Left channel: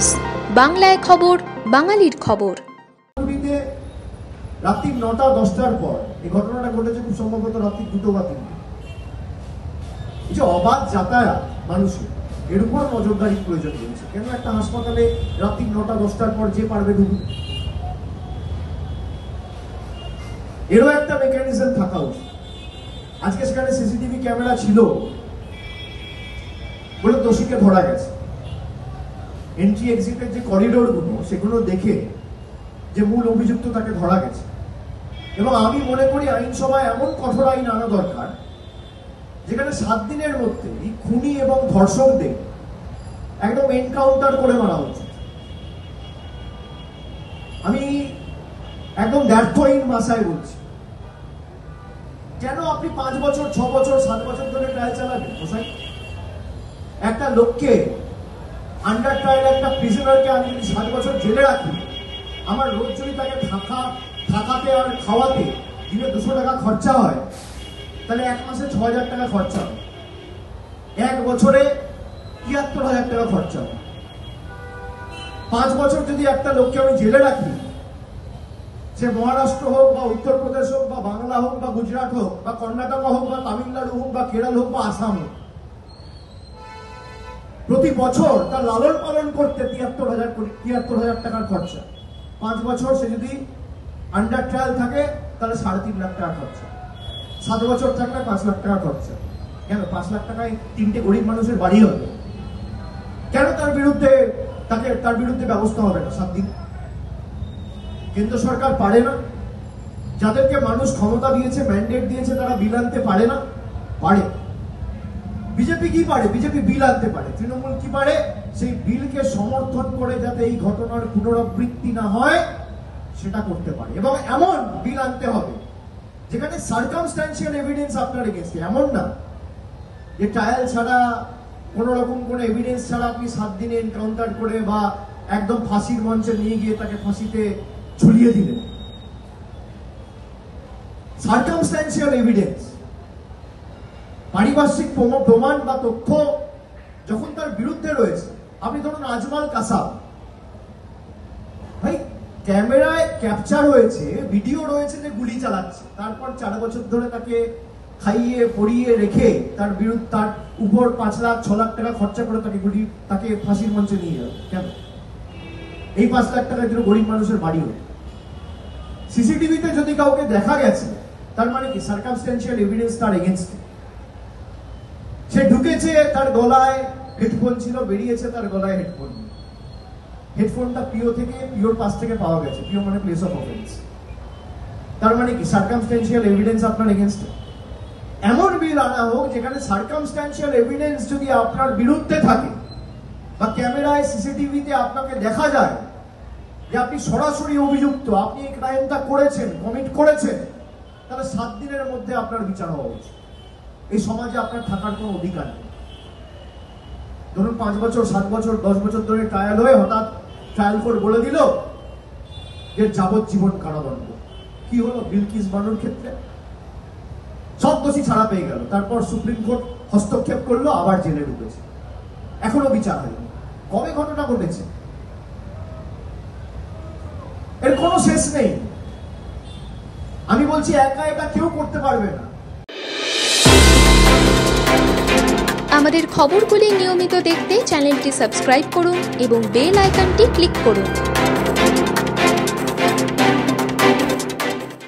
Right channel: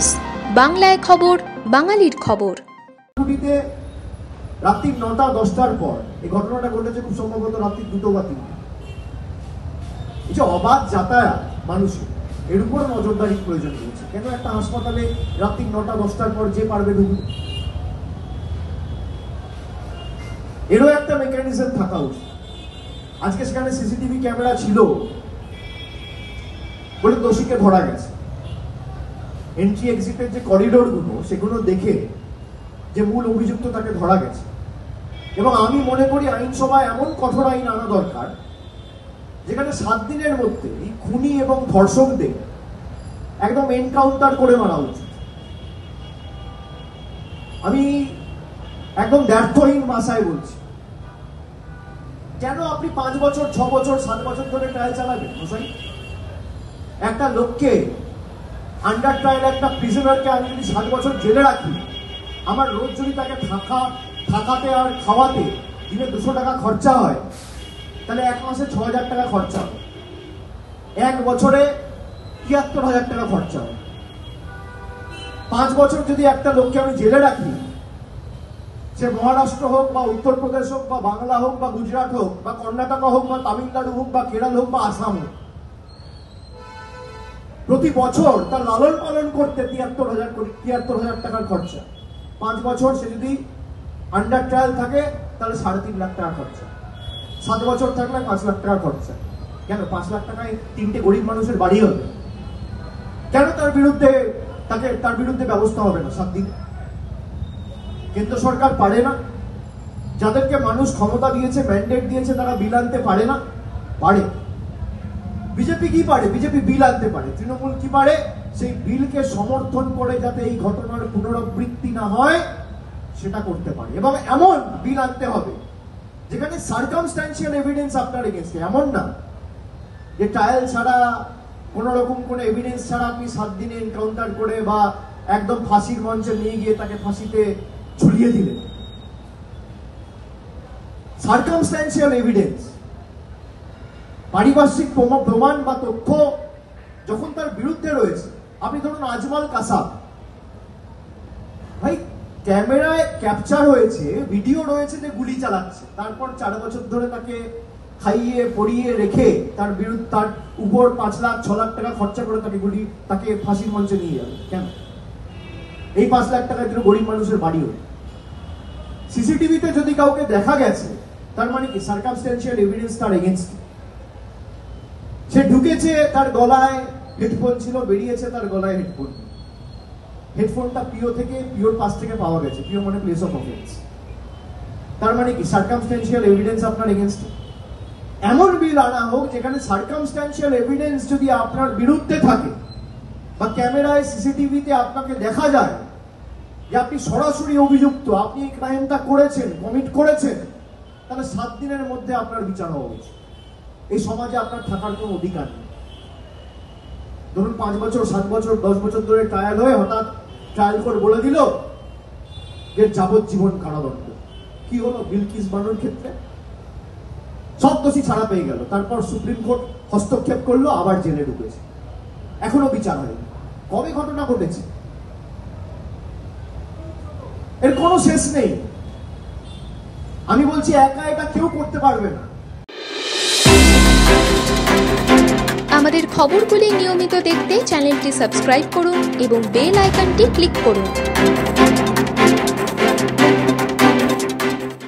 News, বাংলায় খবর, বাঙালির খবর। রাত্রি 9টা-10টার পর এই ঘটনাটা ঘটেছে, খুব সম্ভবত রাত্রি 2টো বা 3টে। এই যে অবাধ যাতায়াত মানুষের, এর উপর নজরদারির প্রয়োজন রয়েছে। কেন একটা হাসপাতালে রাত্রি 9টা-10টার পর যে পারবে ঢুকবে, এরও একটা মেকানিজম থাকা উচিত। আজকে সেখানে সিসিটিভি ক্যামেরা ছিল বলে দোষীকে ধরা গেছে। এন্ট্রি এক্সিটের যে করিডোর গুলো, সেগুলো দেখে যে মূল অভিযুক্ত তাকে ধরা গেছে। এবং আমি মনে করি আইনসভায় এমন কঠোর আইন আনা দরকার যেখানে 7 দিনের মধ্যে খুনি এবং ধর্ষকদের একদম এনকাউন্টার করে মারা উচিত। আমি একদম দ্ব্যর্থহীন ভাষায় বলছি, কেন আপনি 5 বছর, 6 বছর, 7 বছর ধরে ট্রায়াল চালাবেন? একটা লোককে আন্ডার ট্রায়াল, একটা প্রিজনারকে আমি যদি 7 বছর জেলে রাখি, আমার রোজ যদি তাকে থাকাতে আর খাওয়াতে দিনে 200 টাকা খরচা হয়, তাহলে 1 মাসে 6000 টাকা খরচা হয়, 1 বছরে 73,000 টাকা খরচা হয়। 5 বছর যদি একটা লোককে আমি জেলে রাখি, সে মহারাষ্ট্র হোক বা উত্তরপ্রদেশ হোক বা বাংলা হোক বা গুজরাট হোক বা কর্ণাটক হোক বা তামিলনাড়ু হোক বা কেরল হোক বা আসাম হোক, প্রতি বছর তার লালন পালন করতে 73,000 টাকার খরচা। 5 বছর সে যদি আন্ডার ট্রায়াল থাকে তাহলে 3.5 লাখ টাকা খরচা। 7 বছর থাকলে 5 লাখ টাকা খরচা। কেন 5 লাখ টাকায় 3টে গরিব মানুষের বাড়ি হবে? কেন তার বিরুদ্ধে ব্যবস্থা হবে না 7 দিন? কেন্দ্র সরকার পারে না? যাদেরকে মানুষ ক্ষমতা দিয়েছে, ম্যান্ডেট দিয়েছে, তারা বিল আনতে পারে না? পারে। বিজেপি কি পারে? বিজেপি বিল আনতে পারে। তৃণমূল কি পারে? সেই বিলকে সমর্থন করে যাতে এই ঘটনার পুনরাবৃত্তি না হয় সেটা করতে পারে। এবং এমন বিল আনতে হবে যেখানে সার্কামস্ট্যান্সিয়াল এভিডেন্স আপনার এগেইনস্টে, এমন না যে ট্রায়াল ছাড়া, কোন রকম কোনো এভিডেন্স ছাড়া আপনি 7 দিনে এনকাউন্টার করে বা একদম ফাঁসির মঞ্চে নিয়ে গিয়ে তাকে ফাঁসিতে ঝুলিয়ে দিলেন। সার্কামস্ট্যান্সিয়াল এভিডেন্স, পারিপার্শ্বিক প্রমাণ বা তথ্য যখন তার বিরুদ্ধে রয়েছে। আপনি ধরুন আজমল কাসাব, ভাই ক্যামেরায় ক্যাপচার হয়েছে, ভিডিও রয়েছে যে গুলি চালাচ্ছে, তারপর 4 বছর ধরে তাকে খাইয়ে পরিয়ে রেখে তার উপর 5 লাখ 6 লাখ টাকা খরচা করে তাকে ফাঁসির মঞ্চে নিয়ে যাবে। কেন? এই 5 লাখ টাকা কিন্তু গরিব মানুষের বাড়ি হবে। সিসিটিভিতে যদি কাউকে দেখা গেছে, তার মানে কি সার্কামস্ট্যান্সিয়াল এভিডেন্স তার এগেইনস্টে। সে ঢুকেছে, তার গলায় হেডফোন ছিল, বেরিয়েছে তার গলায় হেডফোন। হেডফোনটা পিওর পাস থেকে পাওয়া গেছে। পিও মানে প্লেস অফ অফেন্স। তার মানে কি সার্কামস্ট্যান্সিয়াল এভিডেন্স আপনার এগেইনস্টে। এমন বিল আনা হোক যেখানে সার্কামস্ট্যান্সিয়াল এভিডেন্স যদি আপনার বিরুদ্ধে থাকে বা ক্যামেরায় সিসিটিভিতে আপনাকে দেখা যায় যে আপনি সরাসরি অভিযুক্ত, আপনি এই ক্রাইমটা করেছেন, কমিট করেছেন, তাহলে 7 দিনের মধ্যে আপনার বিচার হওয়া উচিত। এই সমাজে আপনার থাকার কোনো অধিকার নেই। ধরুন 5 বছর, 7 বছর, 10 বছর ধরে ট্রায়াল হয়ে হঠাৎ ট্রায়াল কোর্ট বলে দিল যে যাবজ্জীবন কারাদণ্ড। কি হলো বিলকিস বানুর ক্ষেত্রে? সব দোষী ছাড়া পেয়ে গেল, তারপর সুপ্রিম কোর্ট হস্তক্ষেপ করলো, আবার জেলে ঢুকেছে, এখনো বিচার হয়নি। কবে ঘটনা ঘটেছে? এর কোনো শেষ নেই। আমি বলছি একা একা কেউ করতে পারবে না। আমাদের খবরগুলি নিয়মিত দেখতে চ্যানেলটি সাবস্ক্রাইব করুন এবং বেল আইকনটি ক্লিক করুন।